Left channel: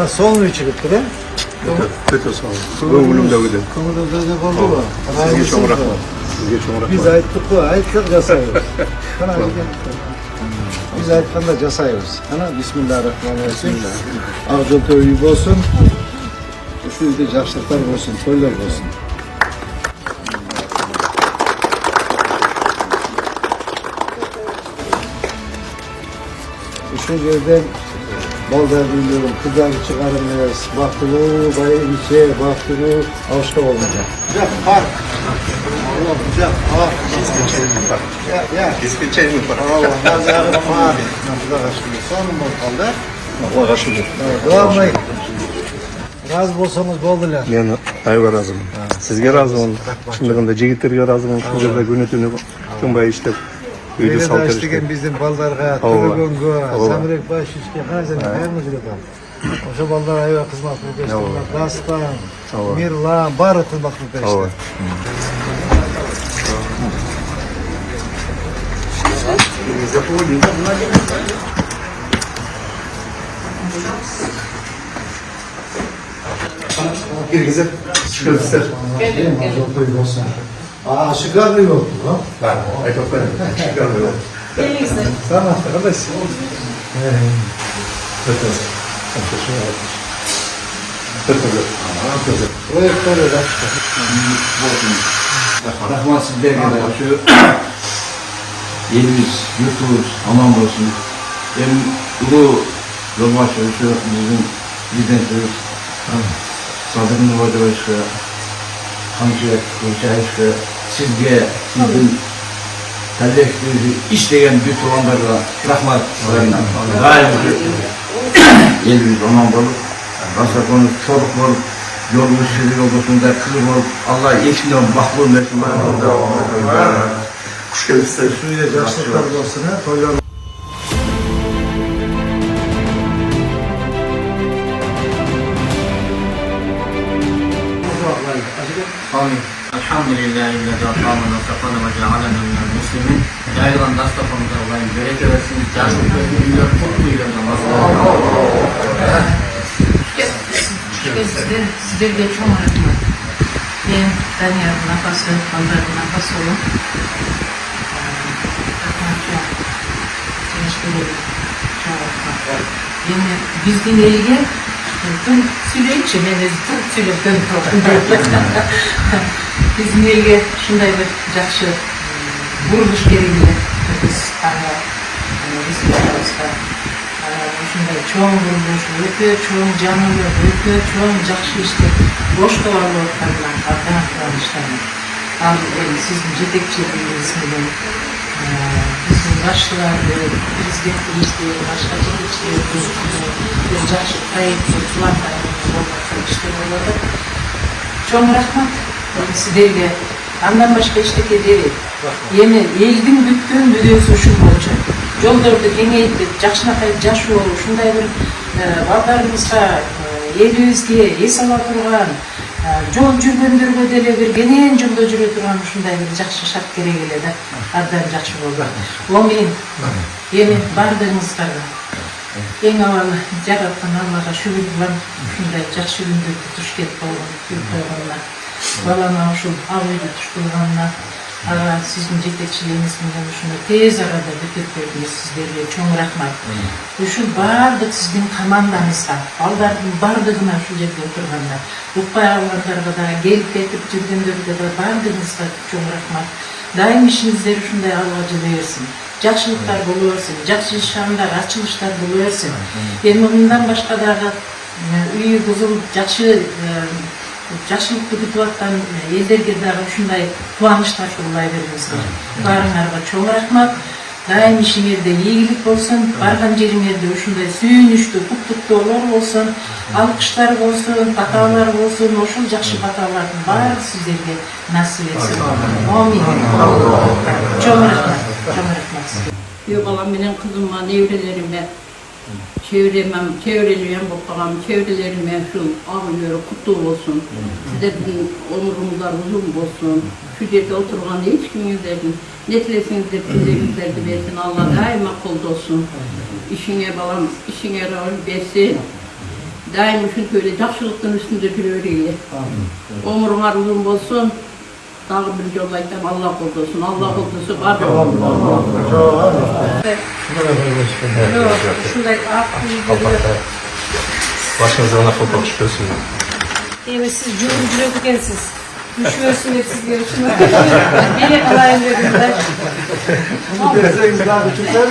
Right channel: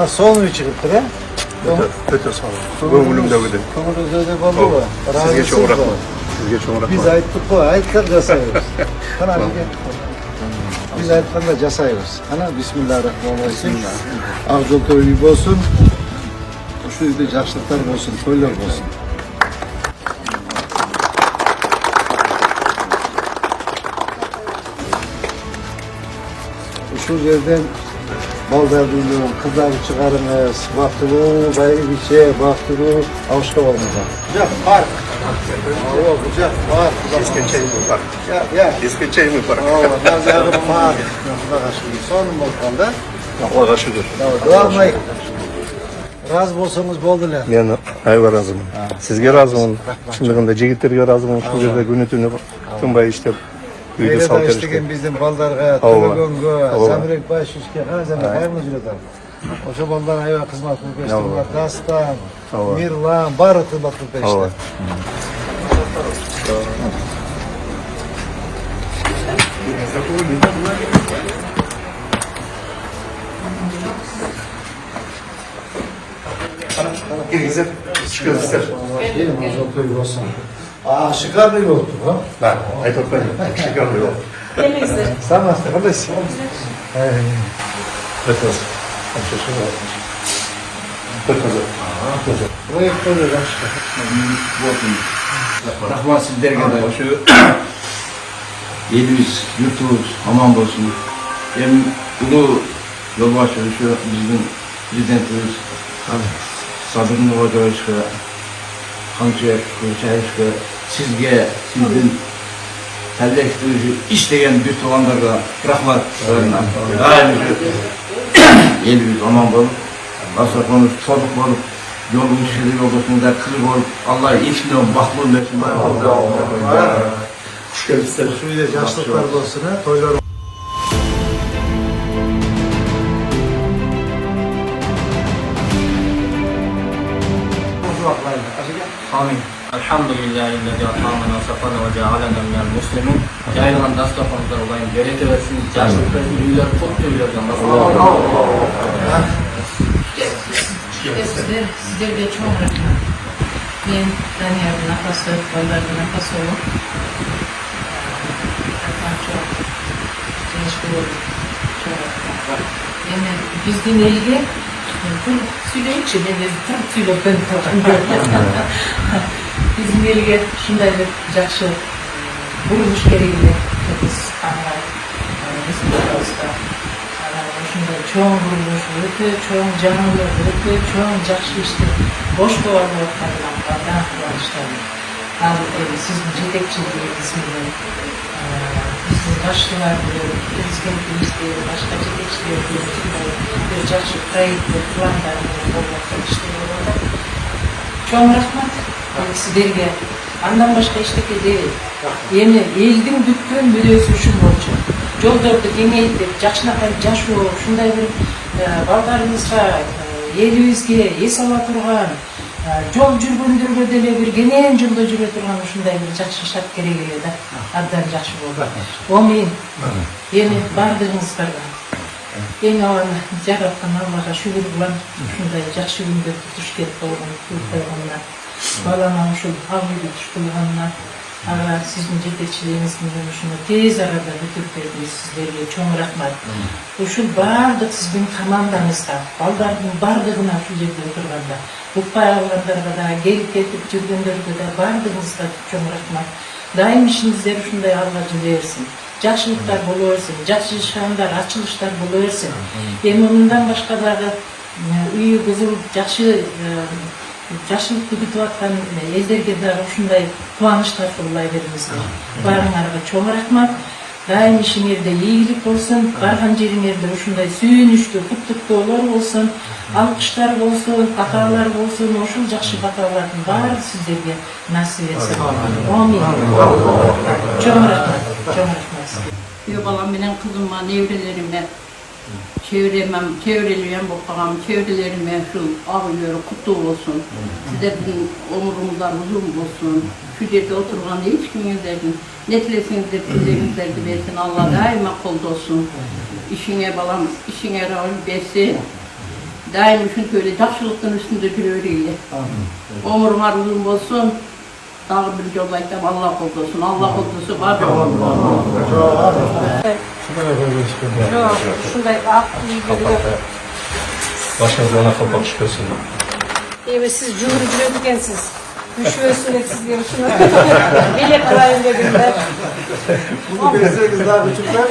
Nasıl çıkıp kire? Kötü sağ olun. Ömrümde öyle. Kımırızda oldu mu? Sizge çok rahmet. Sizge çok rahmet. Biz ayttık bu, ayttık jasayıyoruz. Kana bir gel. Biz ayttıkında jasayıyoruz. Ana Bismillahirrahmanirrahim. Ağzol toyu olsun. Şu yüzde yaşlıklar olsun, toylar olsun. Şu yerden balдар biliyorum, kızlar çıkarınız, baktırı, bayı bir şey, baktırı, avuşka olmadan. Güzel, park. Allah güzel, park. İskeçeğimi park. Ya. İskeçeğimi park. Allah, nazarı park. Nasıl kaçtınız? Sanım olmalı. Allah kaçırdı. Doğamayın. Razı olsanız boldular. Ben ayağa razıyım. Sizge razıyım. Şimdi bunda cigitlerge razıyım. Kuzurla günütünü tüm bayı işte. Öyle de işteken bizim baldarga, Tılıgöngo, Zamrek baş işke, hazane hayırlı jiletam. Oşa baldar ayva kızmat bulpeştirler, Dastan, Mirlan, barı kızmat bulpeştir. Girgize çıkıyoruz. Şıkar yoktu ha? Ben, ayıp benim. Çıkıyor. Sen nasıl kardeş? Rahman sizlerge de şu elimiz, yurtumuz aman olsun. Hem ulu yolbaşı şu bizim prezidentimiz Sadır Nurbaş'a, Hamşe Kılıçayış'a, sizge, sizin halleştirici işleyen bütün olanlara rahmat söyleyeyim. Daim elimiz aman olup, asla konuş çoluk olup, yolumuz şirin yoldaşında kızım olup, Allah eşliğine mahmur versin. Kuş gelirse. Şöyle yaşlıklar olsun ya, toylar. Amin. Elhamdülillahi illezi at'amana ve safana ve cealena minel muslimin. Yayılan dastafamıza olayım, bereke versin. Yaşlıkların büyüler, kutluyla Sizlerge çok rahmet. Ben yarın nefes verip, baldarda nefes olun. Rahmet çok. Teşekkür ederim. Çok rahmet. Yani bizden elge, tüm sürekçi, ben ezikten sürekten kaldım. Bizim elge şunday bir jakşı buruluş gereğiyle biz anlar, biz Kırgız'da şunday çoğun buruluş, öte çoğun canlı, öte çoğun jakşı işte boş kovarlı ortadan kalkanak kıvanışlarını aldım. Sizin yetekçiliğinizle bizim başlılarda, prezidentliğinizle, başka yetekçiliğinizle bir jakşı kayıt ve kıvanlarının olmakta işleri çok rahmet. Sizlerge andan başka işteki değil. Yeni elдің бүткөн мүдөөсү ушул болчу. Жолдорду кеңейтип, жакшынакай жашоо, ушундай бир балдарыбызга, элибизге эс ала турган, жол жүргөндөргө деле бир кенен жолдо жүрө турган ушундай бир жакшы шарт керек эле да. Абдан жакшы болду. Амин. Эми бардыгыңыздарга эң авалы жараткан Аллага шүгүр кылам. Ушундай жакшы күндөрдү туш келип койгонуна. Балана ушул ак үйдү туш кылганына, ага сиздин жетекчилигиңиз менен ушуну тез арада бүтүп бердиңиз. Сиздерге чоң рахмат. Ушул баардык сиздин командаңызга, балдардын бардыгына ушул жерде отурганда, укпай калгандарга да, келип кетип жүргөндөргө да бардыгыңызга чоң рахмат. Дайым ишиңиздер ушундай алга жүрө берсин. Жакшылыктар боло берсин, жакшы шаңдар, ачылыштар боло берсин. Эми мындан башка дагы үйү бузулуп жакшы жакшылыкты күтүп аткан элдерге дагы ушундай кубанычтар кылбай бериңиздер. Баарыңарга чоң рахмат. Дайым ишиңерде ийгилик болсун, барган жериңерде ушундай сүйүнүчтүү, куттуктоолор болсун, алкыштар болсун, баталар болсун, ошол жакшы баталардын баары сиздерге насип этсин. Амин. Чоң рахмат. Чоң рахмат сизге. Yo balam benim kızıma, nevrelerime, çevreliyem bakağım, çevrelerime şu ağırlığı kutlu olsun. Sizlerin omurunuzlar uzun olsun. Şu yerde oturgan hiç kimizlerin netlesiniz de sizlerinizler de versin. Allah daima kolda olsun. İşine balam, işine rahmet versin. daim üşüntüyle жақсылықтың üstünde жүре берейлі. Өміріңар uzun болсын. Тағы bir жол айтам, Алла қолдасын. Алла қолдаса бар. Şunday ak iyi Başınızda ona kopar çıkıyorsun. Evi siz cümle ekensiz. Düşüyorsun hep sizler için. Bilet kılayım dedim ben. Bunu bilseniz daha küçükler mi?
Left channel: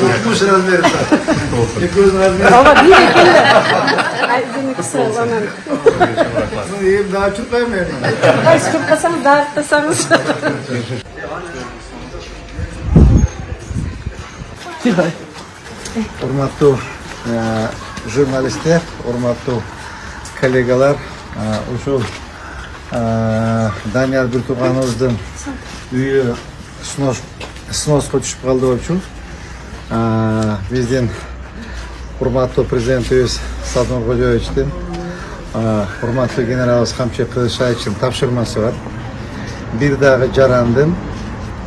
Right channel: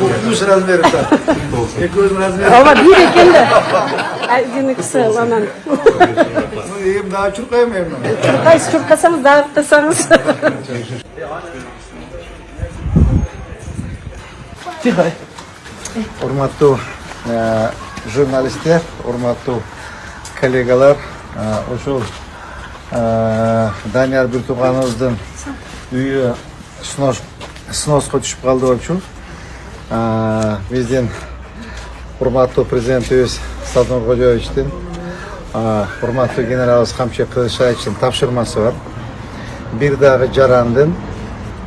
Korkmuş razmerita. Göz razmerita. İyiyim daha Türk'ayım ben. Eski kasam dağıtırsanız. Урматтуу журналисттер, урматтуу коллегалар, ушул Данияр Биртугановдун үйү сноско түшүп калды болчу. Биздин урматтуу президентибиз Салтанат Кожоевичтин, урматтуу генералыбыз Камчы Кылычбаевичтин тапшырмасы бар. Бир дагы жарандын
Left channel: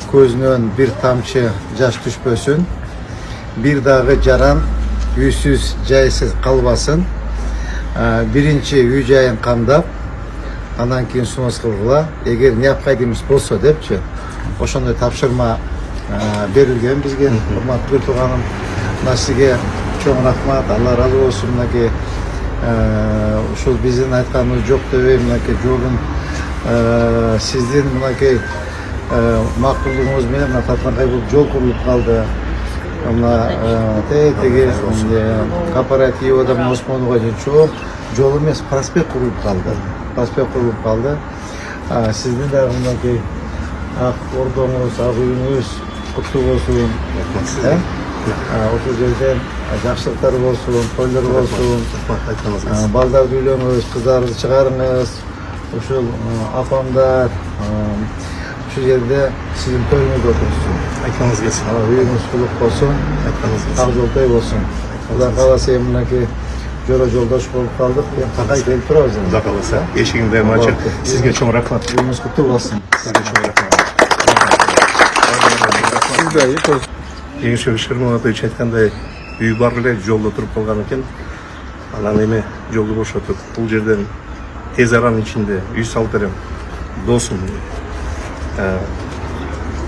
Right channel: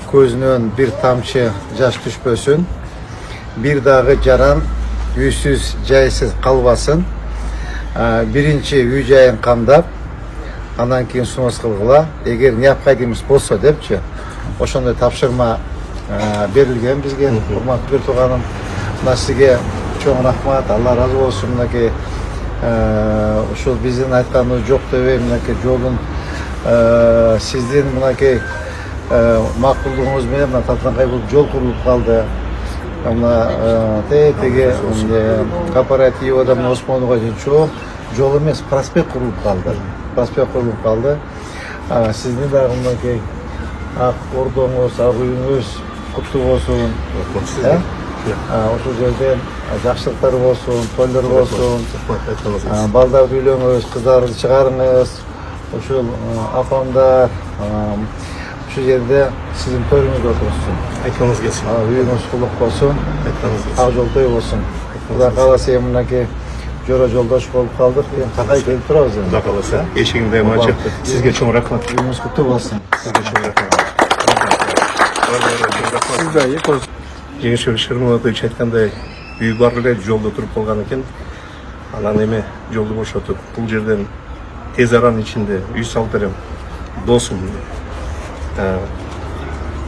көзүнөн бир тамчы жаш түшпөсүн. Bir dağı caran üysüz, caysiz kalbasın. Birinci yüceyin kandap, anan keyin sunos kılgıla. Eğer ne yapkaydığımız bolsa depçi, oşonda tapşırma berilgen bizge. Hurmatlı bir tuğanım, nasige çoğun rahmat, Allah razı olsun. Şu bizim aytkanımız yok döveyim, jolun sizden makulluğunuz menен Tatlankay jol kurulup kaldı. Ama tege kooperatивада Осмонова çok жол емес, проспект kurulup kaldı. Prospekt kurulup kaldı. Sizin de aklımdaki ak ordonuz, ak uyunuz kutlu olsun. Oşu yerden жақсылықтар olsun, toylar olsun. Baldardı üylöңüz, kızlarınızı çıkarınız. Oşu apamlar. Şu yerde sizin törünüz otursun. Aytmanız gelsin. Үйіңіз құлық болсын, ақ жол той болсын. Құда қаласа емінеке жолдаш болып қалдық. Тақай келіп тұрауыз. Құда қаласа, ешігін дайым açık. Sizге чоң рахмат. Үйіңіз құтты болсын. Sizге чоң рахмат. Жеңіс Шырманович айтқандай, үй бар эле жолда тұрып қалған екен. Анан эме жолду бошотуп, бул жерден тез аранын ичинде үй салып берем. Досум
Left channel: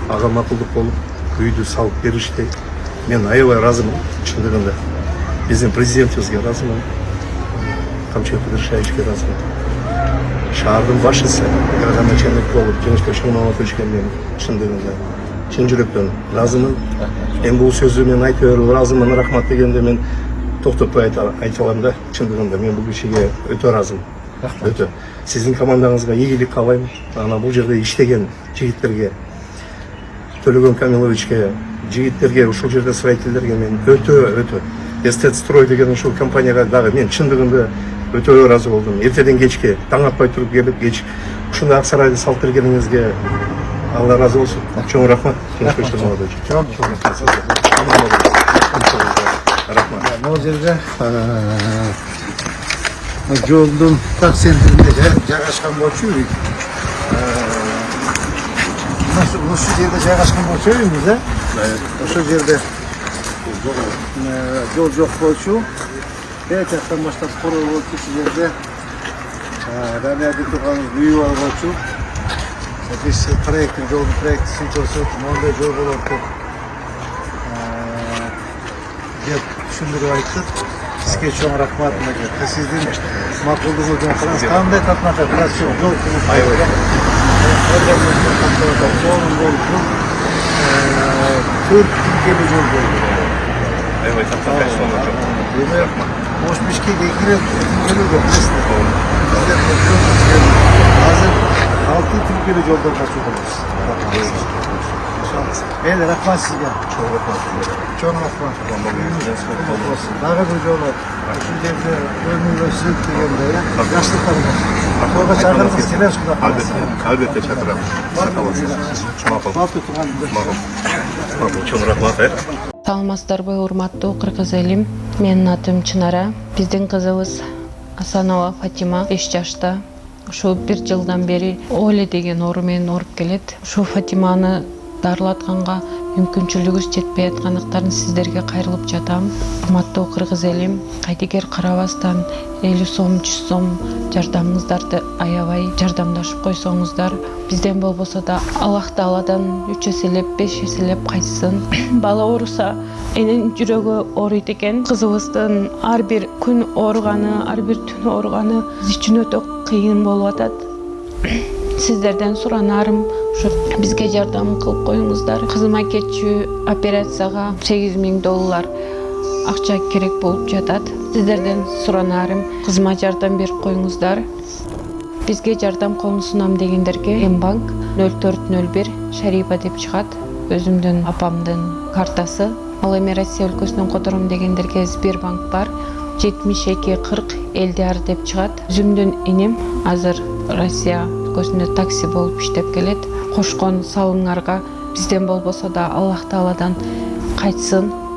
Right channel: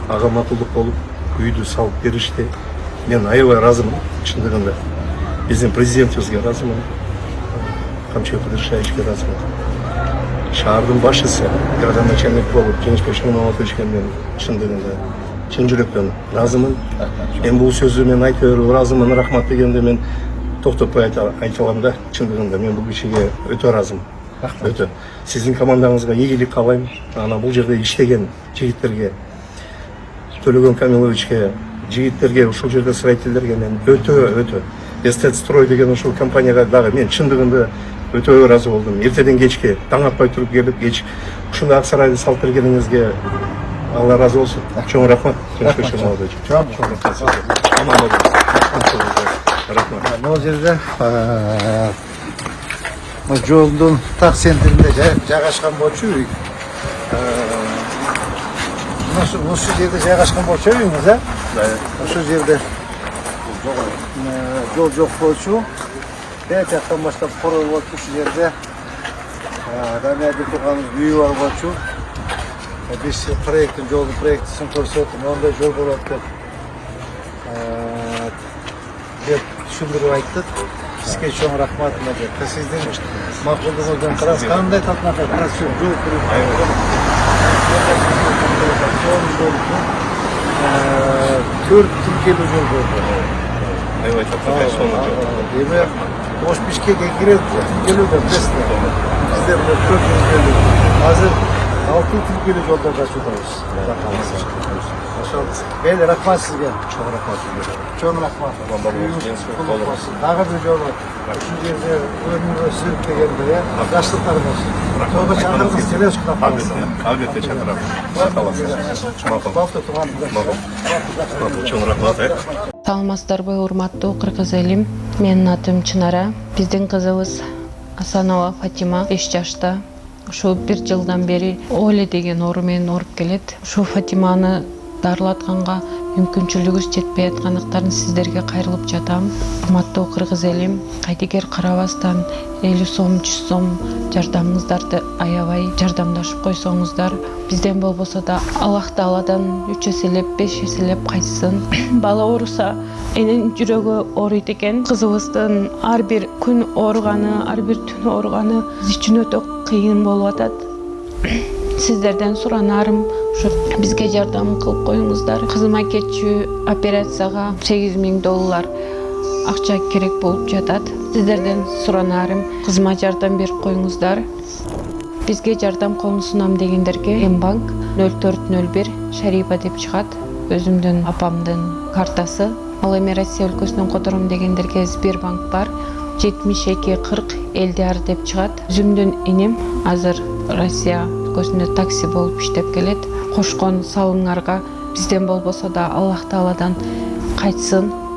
аға макулдук болуп үйдү салып беришти. Мен аябай ыраазымын, чындыгында. Биздин президентибизге ыраазымын. Камчы Кылычбаевичке ыраазымын. Шаардын башчысы, градоначальник болуп, Жеңишбек Шырмановичке мен чындыгында чын жүрөктөн ыраазымын. Эми бул сөздү мен айта берип ыраазымын, рахмат дегенде мен токтотпой айта алам да, чындыгында мен бул кишиге өтө ыраазымын. Өтө. Сиздин командаңызга ийгилик каалайм. Ана бул жерде иштеген жигиттерге, Төлөгөн Камиловичке, жигиттерге, ушул жерде строительдерге мен өтө Эстетстрой деген ушул компанияга дагы мен чындыгында өтө ыраазы болдум. Эртеден кечке таң атпай туруп келип, кеч ушундай ак сарайды салып бергениңизге Алла разы болсун. Чоң рахмат. Чоң рахмат. Аман болуңуз. Рахмат. Бул жерде жолдун так центринде жайгашкан болчу үй. Ушул жерде жайгашкан болчу үйүңүз, да? Ушул жерде жол жок болчу. Бек жактан баштап корой болчу ушул жерде. Үй болчу. Biz proyektin, jolun proyektisini ko'rsatib, onday jol bo'ladi deb tushuntirib aytdik. Sizga cho'ng rahmat. Sizning ma'qulligingizdan qarab, qanday qatnashib, shu jol qurib aytgan. 4 Türkiye'li jol bo'ldi. Aybay Tatlankay sonu jol. Demek, Oş Bişkek'e girip geliyorlar. Sizler 4 Türkiye'li. Hazır 6 Türkiye'li yoldan kaçıyordunuz. Beyler, rahmat sizge. Çok rahmat sizlere. Çok rahmat. Dağı bir yol var. Şu yerde önümüzde sürüp degende ya. Yaşlıklarım olsun. Toga çağırırız, televizyon kalırsa. Albatta çağırırım. Makul. Balta tuğan. Makul. Çok rahmat. Саламатсыздарбы, урматтуу кыргыз элим. Менин атым Чынара. Биздин кызыбыз Асанова Фатима 5 жашта. Ушу 1 жылдан бери Оле деген оору менен ооруп келет. Ушу Фатиманы дарылатканга мүмкүнчүлүгүбүз жетпей аткандыктан сиздерге кайрылып жатам. Урматтуу кыргыз элим, кайдыгер карабастан 50 сом, 100 сом жардамыңыздарды аябай жардамдашып койсоңуздар, бизден болбосо да Аллах Тааладан 3 эселеп, 5 эселеп кайтсын. Бала ооруса энин жүрөгү ооруйт экен. Кызыбыздын ар бир күн ооруганы, ар бир түн ооруганы биз үчүн өтө кыйын болуп атат. Сиздерден суранарым ушу бизге жардам кылып коюңуздар. Кызыма кетчү операцияга $8,000 акча керек болуп жатат. Сиздерден суранарым кызыма жардам берип коюңуздар. Бизге жардам колун сунам дегендерге М-банк 0401 Шарипа деп чыгат. Өзүмдүн апамдын картасы. Ал эми Россия өлкөсүнөн котором дегендерге Сбербанк бар. 7240 Элдиар деп чыгат. Өзүмдүн иним азыр Россия өлкөсүндө такси болуп иштеп келет. Кошкон салымыңарга бизден болбосо да Аллах Тааладан кайтсын.